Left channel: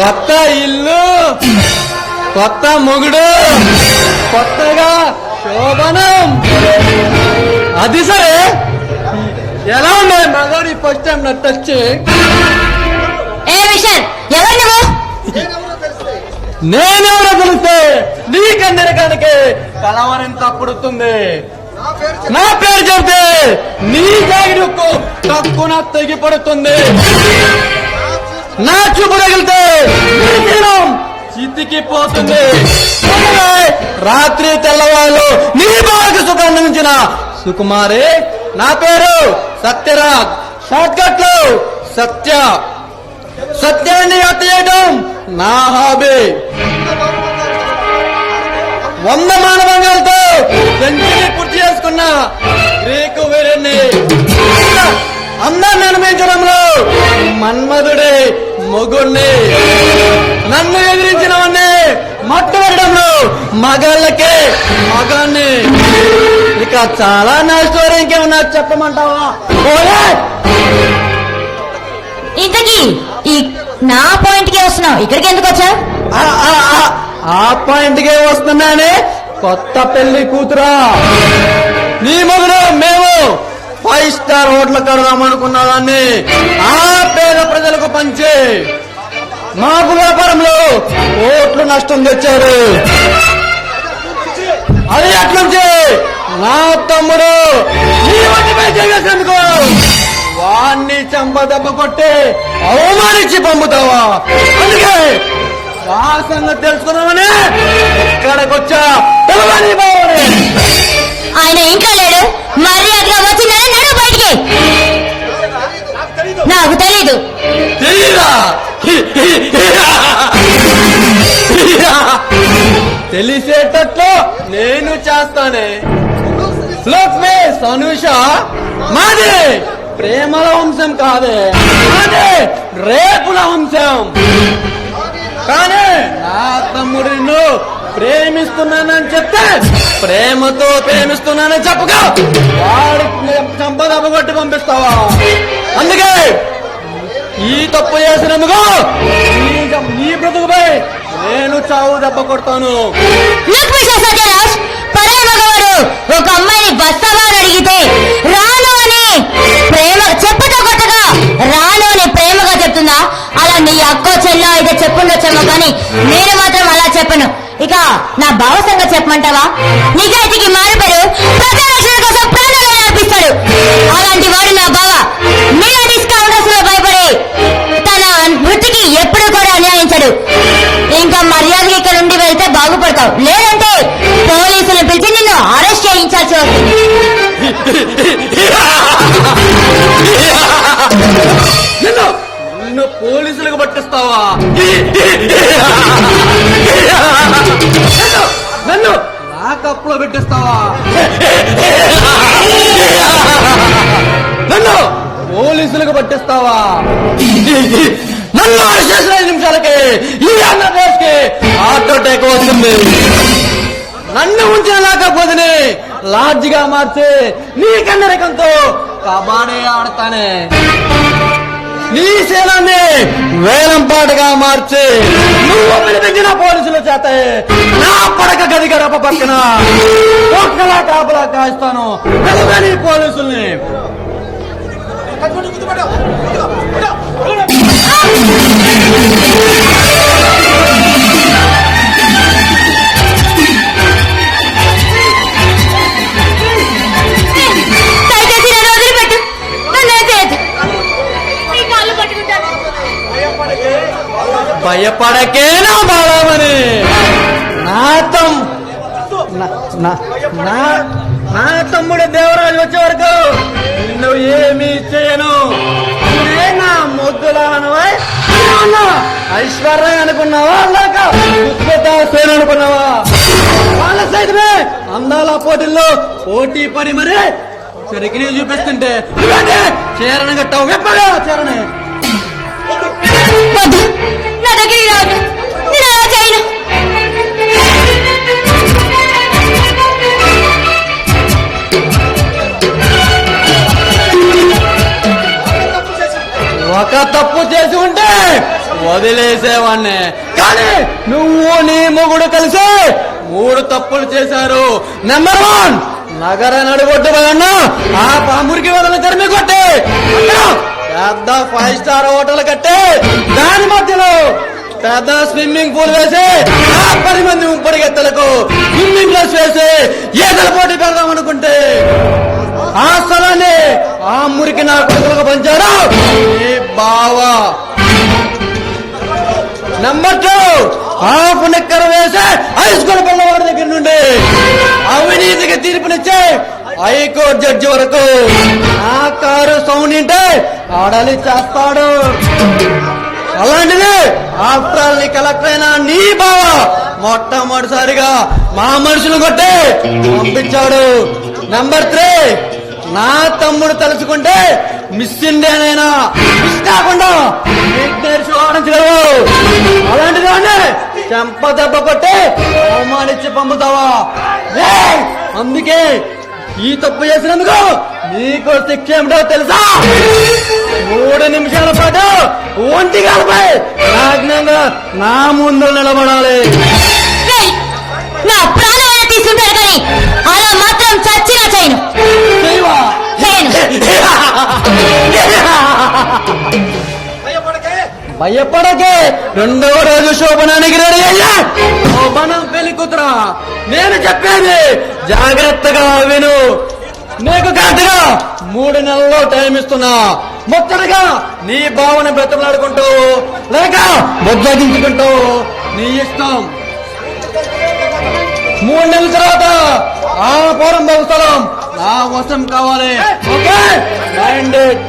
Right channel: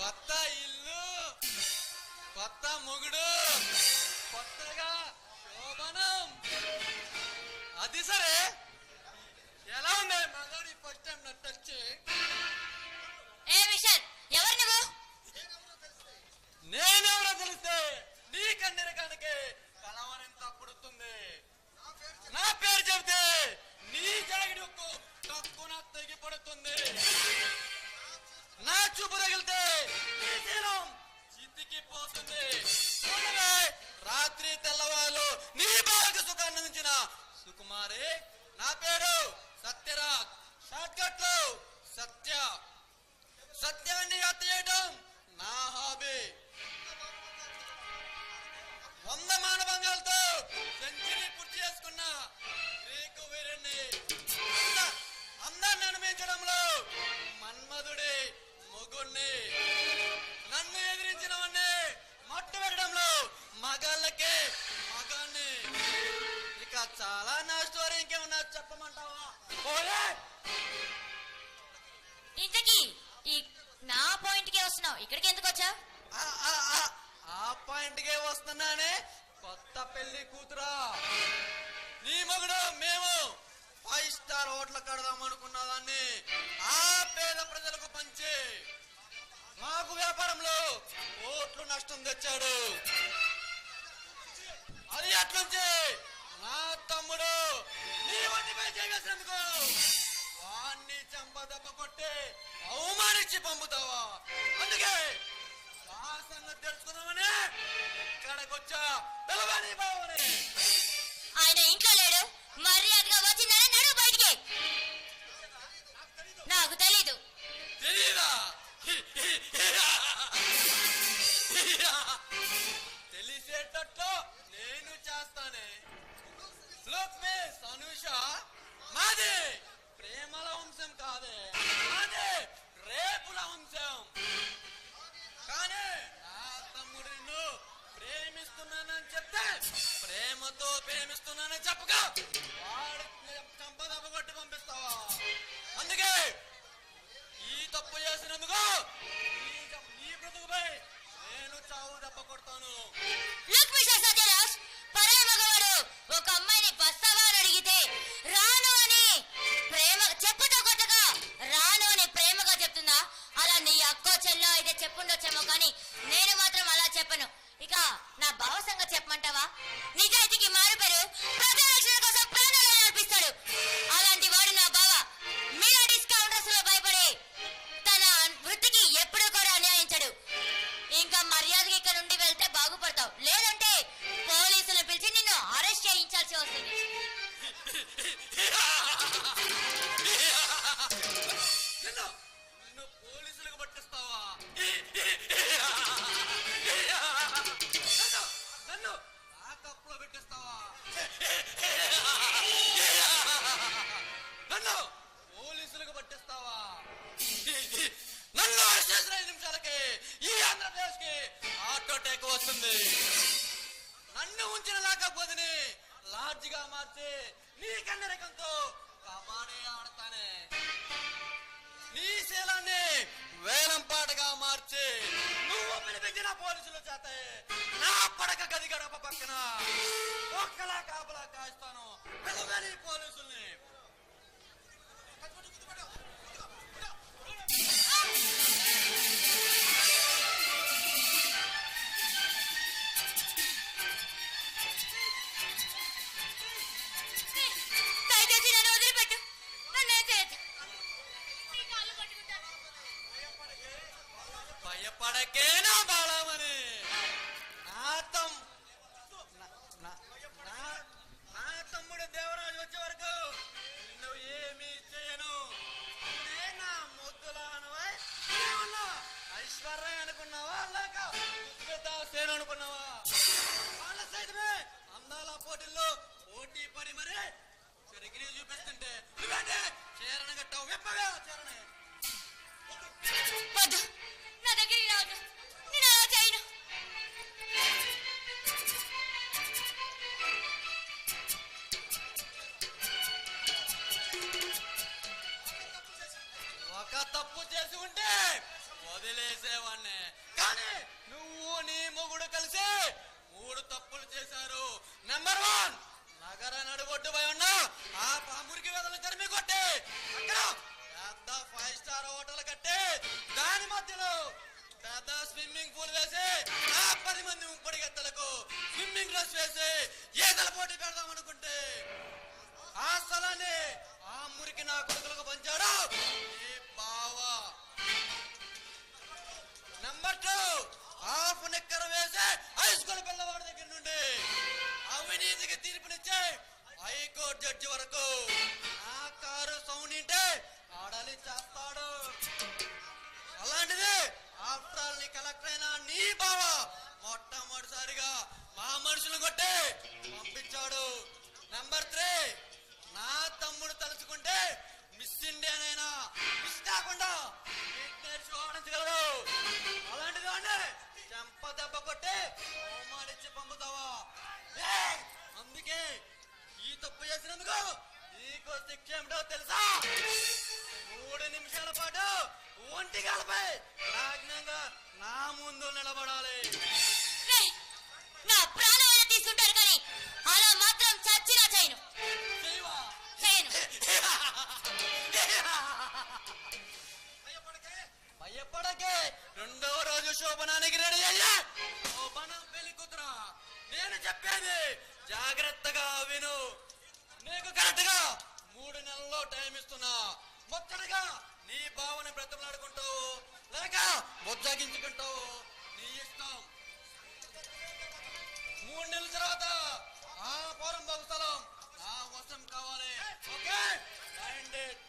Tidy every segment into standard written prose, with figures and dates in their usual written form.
కొత్త ఇల్లు, కొత్త మొగుడు, కొత్తగా శోభనం. అది సరే, ఎలా ఉన్నాయి మగవాడి ఫస్ట్ టైం నా టచ్? ఏ విషయం ఎవరు నువ్వు? నేనెవరో తెలిస్తే నీకందరికనకే కలవరింత పుడుతుంది. నా పేరు చెబితే నీ జాగిరకు తక్కువ తెగి పడుతుంది. నా చూపు తగిలితే నీ జీవం చితికిపోతుంది. రాత్రి తెల్లవాళ్ళు నీ బాగా సుఖాన్ని మించిన సుకుమారి. నా పేరు సత్యరాజ్. షార్ట్ కట్ లో సత్య. సత్యాన్ని హత్య చేయడం నా హాబీ. 100 మానవంగాలతో సెంచరీ పూర్తి చేసుకున్న గ్రీకు వీరుణ్ణి. అందరిని నిర్మించడంలో మన్మధుడే మొగుణ్ణి. నన్ను ఎదిరించినవన్నీ మట్టుబడడంలో మగాళ్ళకే మగాన్ని. ఇక చాలా నా స్టోరీ ఇంకేమన్నా చెప్పమంటావా? ఇంతకీ ఈ నా పాయింట్ కి వస్తున్నావు, ఇక్కడికి ఎందుకు వచ్చా? ఆ పాయింట్ కే వస్తున్నానే. కొత్త పెళ్లి కూతురా, నీ మొగుడు మేము 5 స్టార్ హోటల్ కడదామనుకున్న దాన్ని ఆ పేద ప్రజలకు పంచి మాకు వ్యాపారంలో కోట్లు నష్టం తెచ్చారు. అది అట్లుంచి నా తమ్ముడు నీ వంటిపై చేసేందుకు వాణ్ణి చెంప దెబ్బ కొట్టి అవమానించి పంపుతావా? అందుకే ఆ సంగతి తెలుసుకున్నామని ఇక్కడికొచ్చా. ఆయన ఇంట్లో లేడు, మర్యాదగా వచ్చిందని నడు బయటికి. నాకు తెలీదు. తెలీదా? తెలిసేటట్లు నేను చేస్తానే. లోక్ మే సనుష, మాది ప్రేమల వంశం కాదే, మాది రేపుల వంశం. కానీ నా తమ్ముడు నిన్ను ప్రేమిస్తున్నానని చెప్తే ప్రేమతో ప్రేమిస్తున్నానని చెప్పుగా వాడికి సంపద కొట్టి పంపిస్తావా? అందుకే ఈ తప్పు చేసినందుకు నీ బ్రతుకుపై నేను చావు దెబ్బ కొడతాను. ఒక అమ్మాయిని బస్తావా అని అడిగితే రాను అని ప్రేమ చెప్పుతో కొట్టగా రాను అని ప్రేమగా చెప్తుందా? అలా నీ అక్కో చెల్లో అయితే చెప్పుండొచ్చేమో, కానీ నేను మాత్రం అలా చెప్పను. ఇక నా బావ సంగతి చెప్పమంటావా? నిజాయితీకి మారిపోయారు, ప్రజారక్షణ కోసం ప్రాణాలు అర్పిస్తాడు. అలాంటి వాడు నా బావ. మీడియా డిస్కౌంటర్స్ లో భయపడి తన వృత్తికి ఎప్పుడూ కూడా అన్యాయించడు. ఇంకా మర్యాదగా ఇక్కడ నుండి వెళ్తే బాగుపడతావు, లేదంటే పోలీసులు పిలిచి నిన్ను అరెస్ట్ చేయించాల్సి వస్తుంది. నిన్ను పోలీసులకు పట్టిస్తావా? నన్ను లాకప్లో పెట్టిస్తావా? నన్ను పోలీసులకు పట్టిస్తావా? నన్ను 5 నిమిషాలకి ఈ ఆంధ్రప్రదేశ్ కి హార్ట్ అటాక్ వస్తుంది. నన్ను ఉంచిన లాకపోతే లాడ్జిగా మార్చి నీ కన్నరకంతో కబాడీ ఆడతానే. నీ శీలాన్ని వేలం పాటగా మార్చి నువ్వు పిలిపించిన పోలీసుల చేత నా పడక గది గడప పక్కన ఒక్కలా కాపలా కాస్తాను. నీ పోలీసుల్ని భయపడకే నా బాలమని. నా తమ్ముడు దేవరాజు వచ్చే వరకు నిన్ను ఏమీ చేయను. నా ముద్దులానవా? ఐశ్వర్య అనుకున్నావా? లేక సేన అనుకున్నావా? వాళ్ళ సైతమే అందాల పోటీల్లో పోటీ పడి మరి సరికి చూపిస్తుంటే చేరణ గట్టావు. ఎప్పగా చేరణ నా దగ్గరికి రావద్దు, నేను అలా చేయను. ఒక తప్పు చేసి ఉంటే వదిలేసేవాణ్ణి. కానీ నువ్వు నీ మొగుడు కలిసి 3 తప్పులు చేశారు. నెంబర్ 1, నగర నడుగొడ్డు వదన్నా ఆ పామురికి వదల తరిమి కొట్టి పెద్ద 5 స్టార్ హోటల్ కట్టి దాని మధ్యలో పెద్ద స్విమ్మింగ్ పూల్ వేసి ఆ 10 మంది పరిగెత్తలకు స్విమ్మింగ్ క్లాస్ వేసి ఈతల పోటీ పెడదాం అనుకుంటే ఆ స్థలాన్ని ఆ మురికి నా కొడుకులకు పంచారు ఈ బావ. నెంబర్ 2, హాఫ్ నిక్కర వేసి హై స్కూల్ పిల్లవాడి దగ్గర నుండి అవినీతికి తీర్పునిచ్చే హైకోర్టు జడ్జి వరకు ఆ కారు సౌండ్ ఇంటే ఆడాలి చేస్తాడు. అలాంటిది ఆఫ్టర్ ఆల్ నీ కలెక్టర్ అయినా నీ బావ మొట్టమొదటిసారిగా మా మనుషులు కొట్టి పంపించాడు. నెంబర్ 3, నా తమ్ముడు తలుచుకుంటే మిస్ ఇండియానైనా మిస్ కాకుండా ఆడించలేవు. అలాంటిది చెంప దెబ్బ కొట్టి అవమానించి పంపుతావా? అందుకే ఈ తప్పు చేసినందుకు నీకు శిక్ష ఏమిటో తెలుసా? 3 నిమిషాల పాటు ఒంటి కాలపై నాజ్ఞంగా నా ముందు నిలబడాలి. నా ప్రాణాలను తీసుకుంటారు కానీ అలా మాత్రం చచ్చినా చేయను. భయపడకే. 2వ రోజు శోభనానికి రెడీ అయ్యా. శోభనం పెళ్లి కూతురా, నేను చెప్పేది జాగ్రత్తగా విను. నీకు కరెక్ట్గా 3 నెలల్లో టైం ఇస్తున్నా. ముచ్చటగా నీ భావన బ్రతలాడుకుంటూ లేక బొజ్జగించుకుంటూ నీ ఇష్టం. 3 నెలల తర్వాత ఆ పూర్వం స్థలం నా వశం కావాలి. Okay, mind it.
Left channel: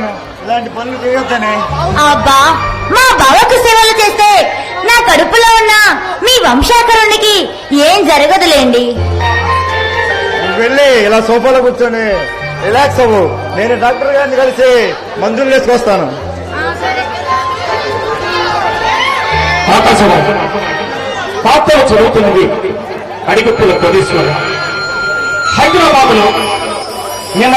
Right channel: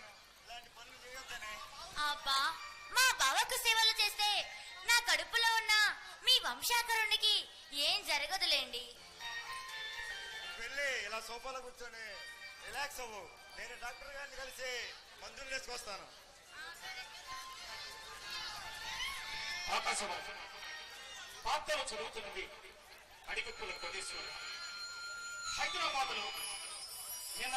చెప్పాను ఇలాంటి పనులు చేయొద్దని. అబ్బా మా బావకు సేవలు చేస్తే నా కడుపులో ఉన్న మీ వంశాకరునికి ఏం జరగదులేండి. నువ్వు వెళ్ళి ఇలా సోఫాలో కూర్చొని రిలాక్స్ అవ్వు. నేను డాక్టర్ గారిని కలిసి మందులు వేసుకొస్తాను. ఆకాశవాణి పాత్రలు చదువుతున్నది అడిగుప్పుల కోటేశ్వర. హైదరాబాద్ లో నిన్న